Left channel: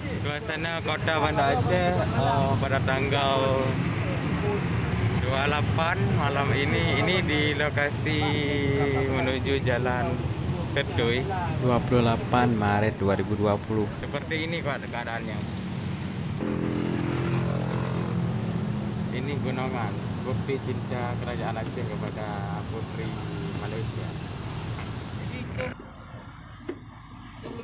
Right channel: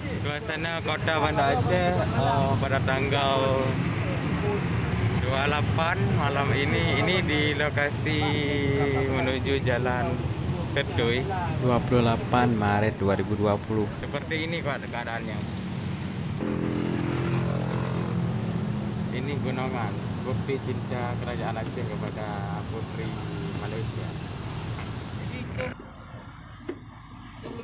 Suasana kota Banda Aceh pada tanggal 28 malam ini di lokasi menuju Jalan Setuy 28 Maret 2020. Seperti ini keadaannya. Ini gunungan, bukti cinta kerajaan Aceh kepada putri Malaysia. Ini